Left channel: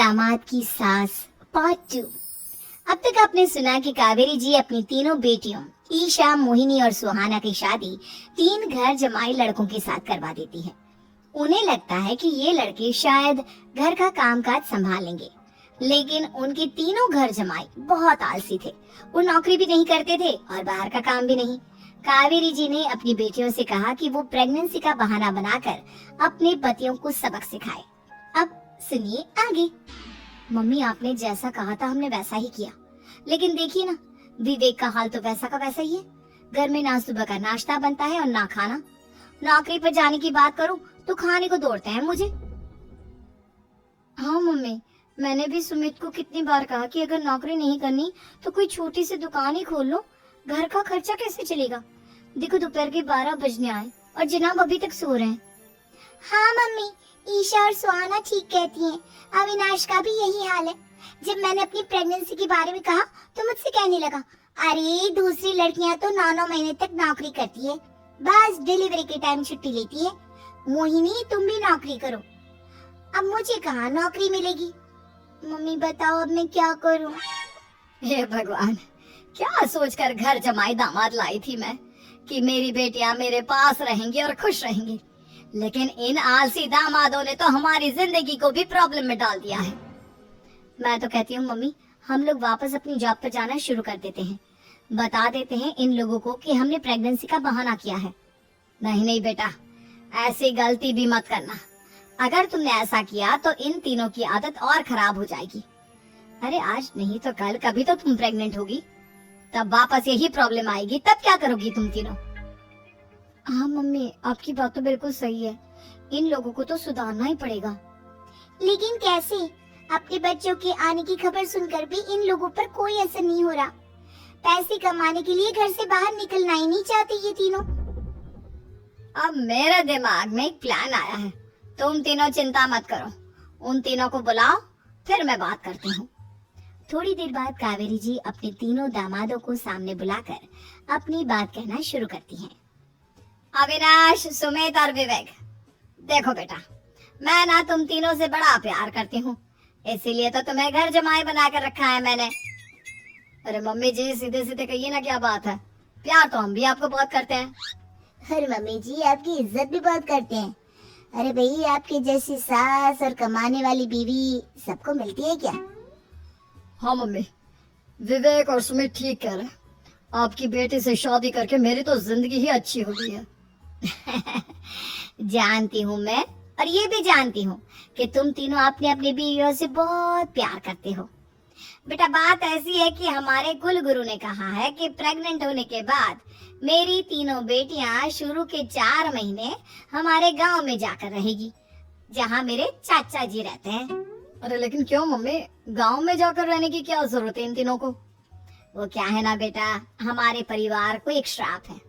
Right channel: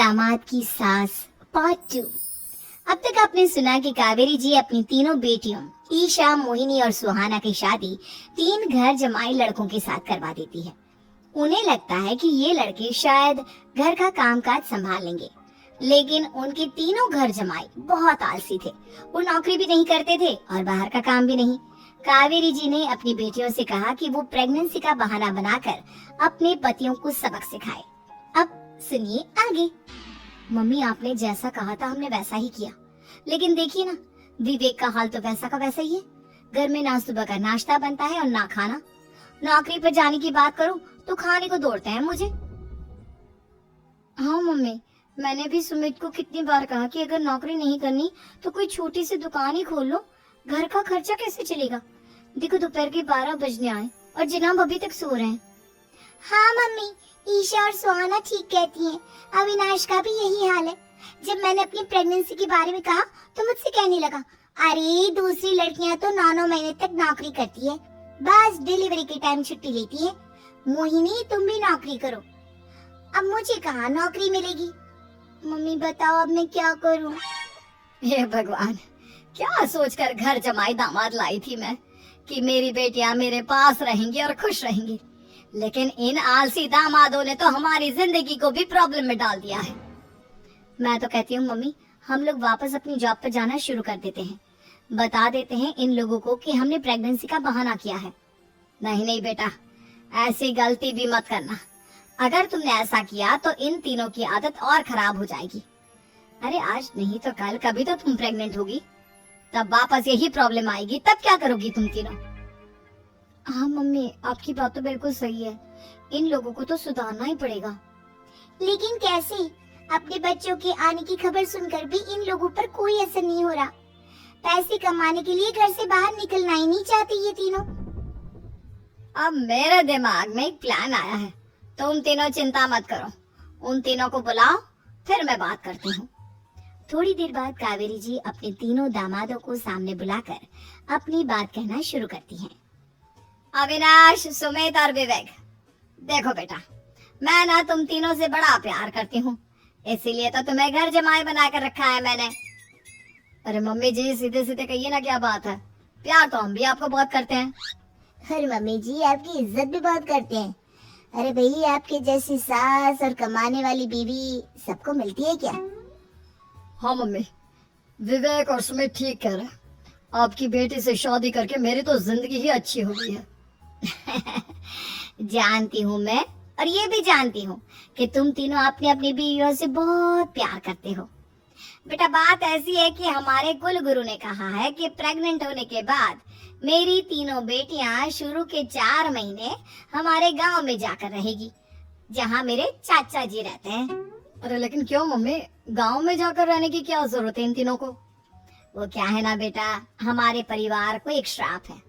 दामाद की सास पार्ट 2। अब तक आपने सुना कि कावेरी जी अपनी तीनों बेटियों ईशा, मोहिनी और सुहाना की शादी 3 घर जमाई लड़कों के साथ करवा देती है। उन्हें लगता है कि ये लड़के शायद घर का कामकाज संभाल लेंगे, लेकिन उनके तीनों घर जमाई बहुत आलसी थे। वो नौकरी भी नहीं करते थे और बाहर का काम भी नहीं। कावेरी जी ने अपनी बेटियों से कहा कि वो प्रेगनेंसी का बहाना बनाकर अपने पतियों को सबक सिखाए। अब सुनिए आगे। मम्मी, आपने जैसा कहा था हमने वैसा ही किया, लेकिन देखिए ना, विवेक का हाल तो वैसा का वैसा ही है। घर में ना सुबह का नाश्ता बनता है और ना खाना। नौकरी पर जाने की बात करूं तो खाने को दौड़ता है मुझे। हाँ मम्मी, मैंने भी सुमित को कितनी बार कहा कि अगर नौकरी नहीं करनी तो कोई छोटी सी दुकान ही खोल लो। घर का खर्चा कैसे चलेगा? देखो दोपहर के 12 बजने आए और जनाब अभी तक सो रहे हैं। हाँ मम्मी, ईशा और सुहाना ठीक कहती हैं। अविनाश का भी यही हाल है। जब मैंने अपनी प्रेगनेंसी के बारे में कहा तो मुझसे कहने लगा, अरे दूसरी लड़कियां तो 9-9 महीने तक नौकरी करती है, बस डिलीवरी के टाइम छुट्टी लेती है। मोहिनी, तुम भी नौकरी करो। अब मुझे कहाँ नौकरी मिलेगी? मम्मी बताओ, अब मैं क्या करूँ? हे भगवान, क्या सोचकर घर जमाई दामाद लाई थी मैं कि मेरी बेटियां मेरे पास रहेंगी और खुश रहेंगी, लेकिन इन आलसी दामादों ने तो हमारी जिंदगी को भी प्रॉब्लम में डाल दिया है। मैं तो कहती हूँ मम्मी, हम लोग वापस अपनी जॉब पर जाना शुरू कर देते हैं। बता देते हैं इन लोगों को कि हमने प्रेगनेंसी का बहाना किया है। नहीं नहीं बेटा, ऐसी गलती भी मत करना। अगर तुमने ऐसा किया तो इन तीनों की आदत और खराब हो जाएगी। अरे आज नहीं तो कल कभी तो तुम प्रेग्नेंट होगी, तब वापस यही प्रॉब्लम आएगी। तब क्या करोगी तुम तीनों? हाँ मम्मी, आपकी बात तो बिल्कुल सही है। इन लोगों को तो सुधारना ही पड़ेगा। लेकिन कैसे? अपने बच्चों के आने की खबर सुनकर भी इन लोगों पर कोई असर नहीं हो रहा। पैसे कमाने के लिए घर से बाहर निकलना ही नहीं चाहते ये तीनों। अब मेरे दिमाग में एक प्लान आया है। तुम तीनों चिंता मत करो, उन तीनों को बुलाओ, फिर मैं बात करती हूँ। थोड़ी देर बाद कावेरी जी अपने तीनों दामादों को सामने बुलाकर अपनी बात कहना शुरू करती हैं। अविनाश, सुमित और विवेक, देखो बेटा, मैं ना तुम तीनों से बड़ा प्यार करती हूँ, इसीलिए तो तुम्हें घर जमाई बनाकर रखा है मैंने। अरे मम्मी जी, सीधे सीधे कहिए ना, क्या बात है? प्यार तो हम भी आपको बहुत करते हैं। अरे मम्मी जी, आपकी इज्जत भी बहुत करते हैं। अरे भैया, आपकी जैसी सास और कमाने वाली बीवी सबको मिलती है क्या? हाँ मम्मी, विवेक और सुमित ठीक कह रहे। आपकी बेटी से शादी करके मेरी तो जिंदगी ही अच्छी हो गई है। जानती हूँ मैं, और ये भी जानती हूँ कि तुम तीनों अपने अपने बीवियों से बहुत प्यार करते हो। बेटा, बात ऐसी है कि हमारे कुल गुरु ने कहा है कि प्रेग्नेंट होने के बाद मेरी तीनों बेटियां शुरू के 4 महीने हमारे गांव में जाकर रहेगी, जहां मेरे चाचा जी रहते हैं। अरे लेकिन क्यों मम्मी, गांव में जाकर रहने की क्या जरूरत है इन तीनों को? वो क्या है ना बेटा, हमारे परिवार को एक श्राप है।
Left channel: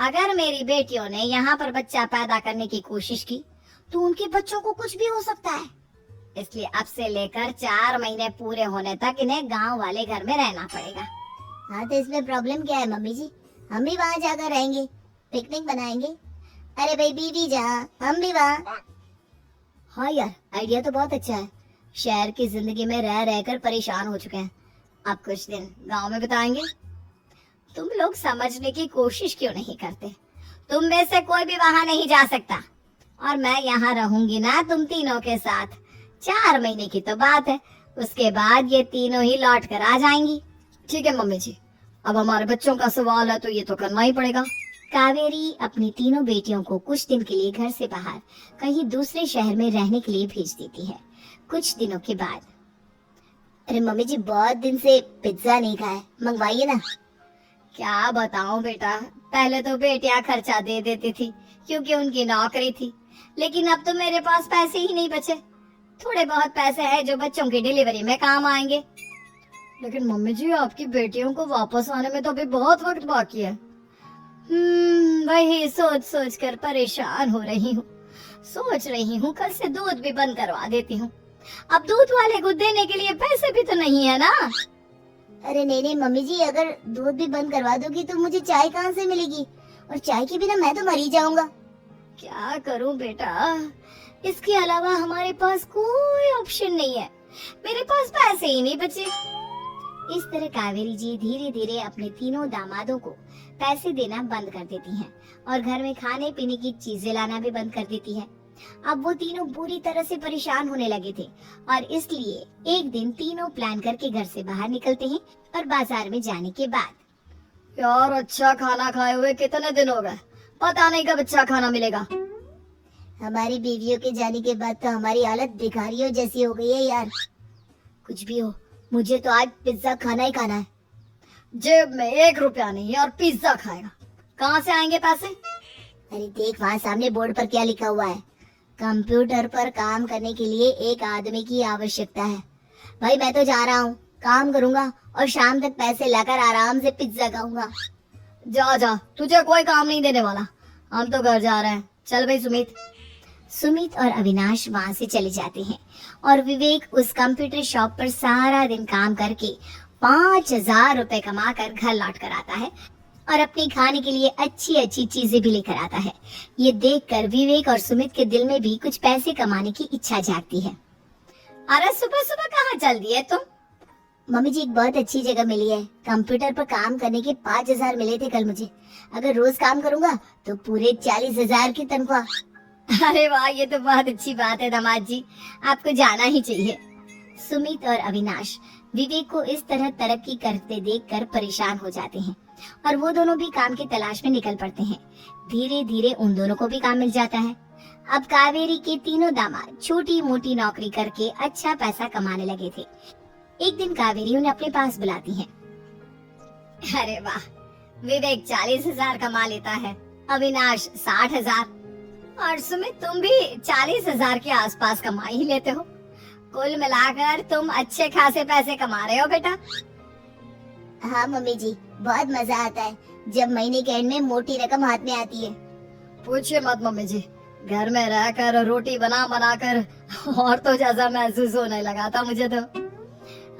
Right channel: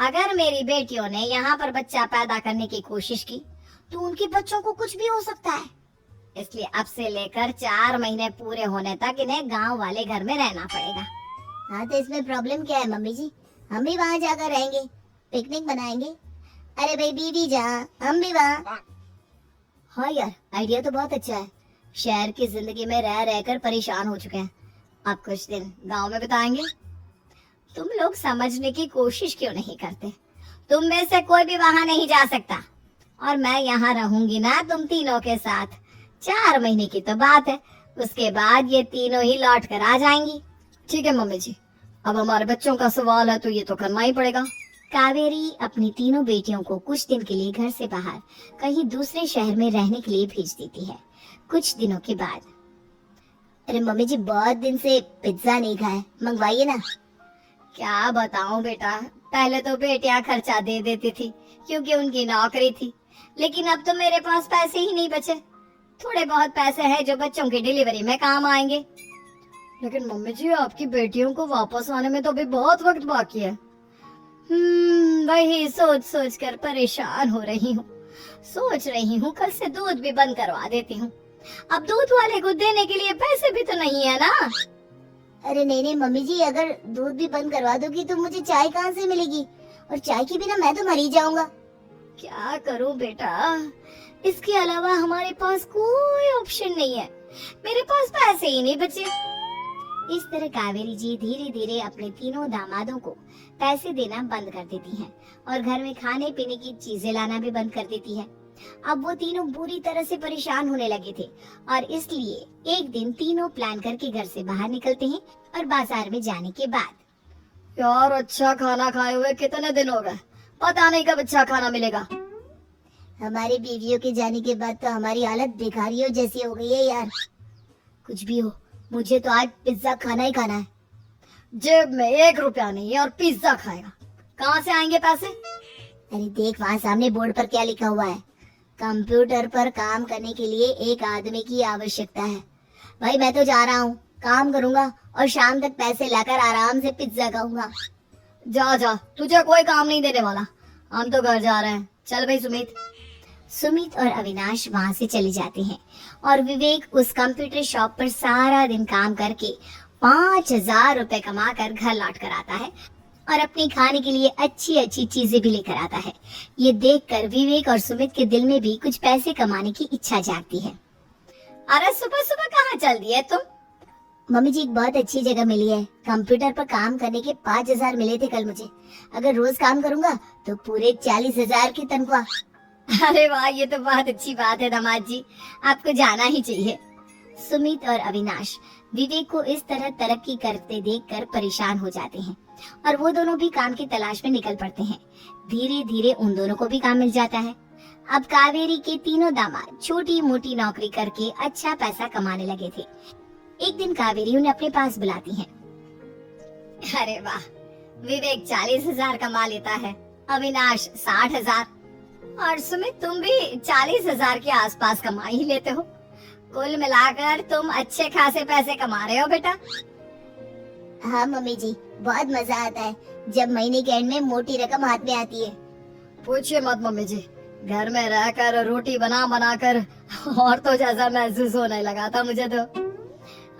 अगर मेरी बेटियों ने यहाँ पर बच्चा पैदा करने की कोशिश की तो उनके बच्चों को कुछ भी हो सकता है। इसलिए अब से लेकर 4 महीने पूरे होने तक इन्हें गांव वाले घर में रहना पड़ेगा। हाँ तो इसमें प्रॉब्लम क्या है मम्मी जी? हम भी वहाँ जाकर रहेंगे, पिकनिक बनाएंगे। अरे भाई बीवी जहाँ, हम भी वहाँ। हाँ यार, आइडिया तो बहुत अच्छा है। शहर की जिंदगी में रह रहकर परेशान हो चुके हैं, अब कुछ दिन गांव में बिताएंगे। तुम लोग समझने की कोशिश क्यों नहीं करते? तुम में से कोई भी वहाँ नहीं जा सकता, और मैं यहाँ रहूंगी ना तुम तीनों के साथ। 4 महीने की तो बात है, उसके बाद ये तीनों ही लौट कर आ जाएंगी। ठीक है मम्मी जी, अब हमारे बच्चों का सवाल है तो ये तो करना ही पड़ेगा। कावेरी अपनी तीनों बेटियों को कुछ दिन के लिए घर से बाहर कहीं दूसरे शहर में रहने के लिए भेज देती है। कुछ दिनों के बाद, अरे मम्मी जी, बहुत दिन से पिज्जा नहीं खाया, मंगवाइए ना। क्या बताऊं बेटा, पहले तो बेटियां खर्चा दे देती थी क्योंकि उनकी नौकरी थी, लेकिन अब तो मेरे पास पैसे ही नहीं बचे। थोड़े बहुत पैसे हैं जो बच्चों की डिलीवरी में काम आएंगे। लेकिन मम्मी जी, आपकी बेटियों को वापस आने में तो अभी बहुत वक्त बाकी है। वही सोच सोच कर परेशान हो रही हूँ। सोच रही हूँ कल से दूध भी बंद करवा देती हूँ। अब दूध वाले को देने के लिए पैसे भी तो नहीं है ना। अरे नहीं नहीं मम्मी जी, अगर दूध भी बंद करवा दोगी तो मुझे चाय कहाँ से मिलेगी? और चाय के बिना मैं तो मर ही जाऊंगा। क्या करूँ बेटा, इसके अलावा हमारे पास कोई ऑप्शन नहीं है। मेरे पास पैसे ही नहीं बचे। इस तरह कावेरी जी धीरे धीरे अपने तीनों दामादों को पैसे देना बंद कर देती हैं और घर में खाने पीने की चीजें लाना भी बंद कर देती है। अब वो तीनों बुरी तरह से परेशान होने लगे थे और इसलिए एक दिन तीनों प्लान करके घर से बाहर निकलते हैं और बाजार में जाने के बाद यार अच्छा खाना खाए हुए कितने दिन हो गए, पता नहीं कब अच्छा खाना मिलेगा। हमारी बीवियों के जाने के बाद तो हमारी हालत भिखारियों जैसी हो गई है यार। कुछ भी हो, मुझे तो आज पिज्जा खाना ही खाना है। जेब में 1 रुपया नहीं है और पिज्जा खाएगा, कहाँ से आएंगे पैसे? अरे देख वहाँ सामने बोर्ड पर क्या लिखा हुआ है, कंप्यूटर पर काम करने के लिए एक आदमी की आवश्यकता है। भाई मैं तो जा रहा हूँ, काम करूँगा और शाम तक पैसे लाकर आराम से पिज्जा खाऊंगा। जा जा, तुझे कोई काम नहीं देने वाला, हम तो घर जा रहे हैं। चल भाई सुमित। सुमित और अविनाश वहाँ से चले जाते हैं और विवेक उस कंप्यूटर शॉप पर सारा दिन काम करके 5,000 रुपए कमा कर घर लौट कर आता है और अपने खाने के लिए अच्छी अच्छी चीजें भी लेकर आता है। ये देखकर विवेक और सुमित के दिल में भी कुछ पैसे कमाने की इच्छा जागती है। अरे सुबह सुबह कहाँ चल दिए तुम? मम्मी जी एक बहुत अच्छी जगह मिली है, कंप्यूटर पर काम करने के 5,000 मिले थे कल मुझे। अगर रोज काम करूँगा तो पूरे 40,000 की तनख्वाह। अरे वाह, ये तो बहुत अच्छी बात है दामाद जी, आपको जाना ही चाहिए। सुमित और अविनाश विवेक को इस तरह तरक्की करते देखकर परेशान हो जाते हैं और वो दोनों भी काम की तलाश में निकल पड़ते हैं। धीरे धीरे उन दोनों को भी काम मिल जाता है। अब कावेरी के तीनों दामाद छोटी मोटी नौकरी करके अच्छा पैसा कमाने लगे थे। एक दिन कावेरी उन्हें अपने पास बुलाती है। अरे वाह, विवेक 40,000 कमा लेता है, अविनाश 60,000 और सुमित तुम भी 40,000 के आसपास कमा ही लेते हो। कुल मिलाकर तुम अच्छे खासे पैसे कमा रहे हो बेटा। हाँ मम्मी जी, बहुत मजा आता है जब महीने के एंड में मोटी रकम हाथ में आती है। पूछिए मत मम्मी जी, घर में रहकर रोटी बना बना कर और तो जैसा महसूस होने लगा था मुझे तो।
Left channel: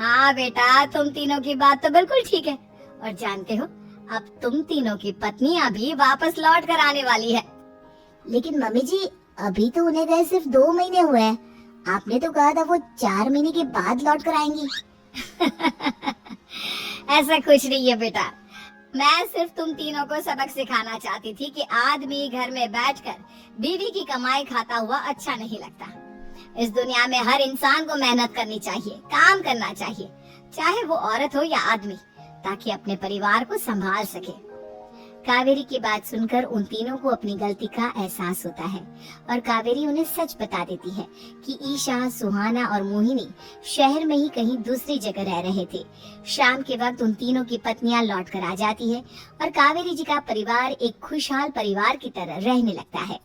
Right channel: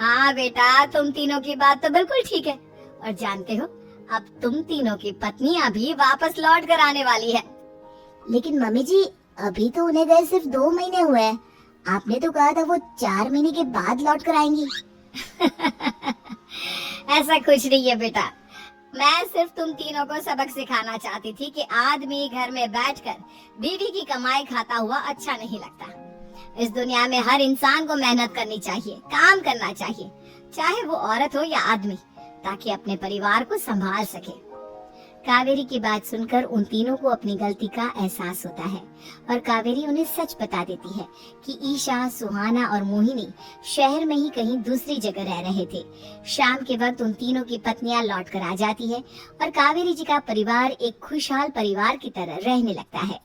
हाँ बेटा, तुम तीनों की बात तो बिल्कुल ठीक है और जानते हो अब तुम तीनों की पत्नियां भी वापस लौट कर आने वाली है। लेकिन मम्मी जी अभी तो उन्हें गए सिर्फ 2 महीने हुए हैं, आपने तो कहा था वो 4 महीने के बाद लौट कर आएंगी। ऐसा कुछ नहीं है बेटा, मैं सिर्फ तुम तीनों को सबक सिखाना चाहती थी कि आदमी घर में बैठकर बीवी की कमाई खाता हुआ अच्छा नहीं लगता। इस दुनिया में हर इंसान को मेहनत करनी चाहिए, काम करना चाहिए, चाहे वो औरत हो या आदमी, ताकि अपने परिवार को संभाल सके। कावेरी की बात सुनकर उन तीनों को अपनी गलती का एहसास होता है और कावेरी उन्हें सच बता देती है कि ईशा, सुहाना और मोहिनी शहर में ही कहीं दूसरी जगह रह रहे थे। शाम के वक्त उन तीनों की पत्नियां लौट कर आ जाती है और कावेरी जी का परिवार एक खुशहाल परिवार की तरह रहने लगता है।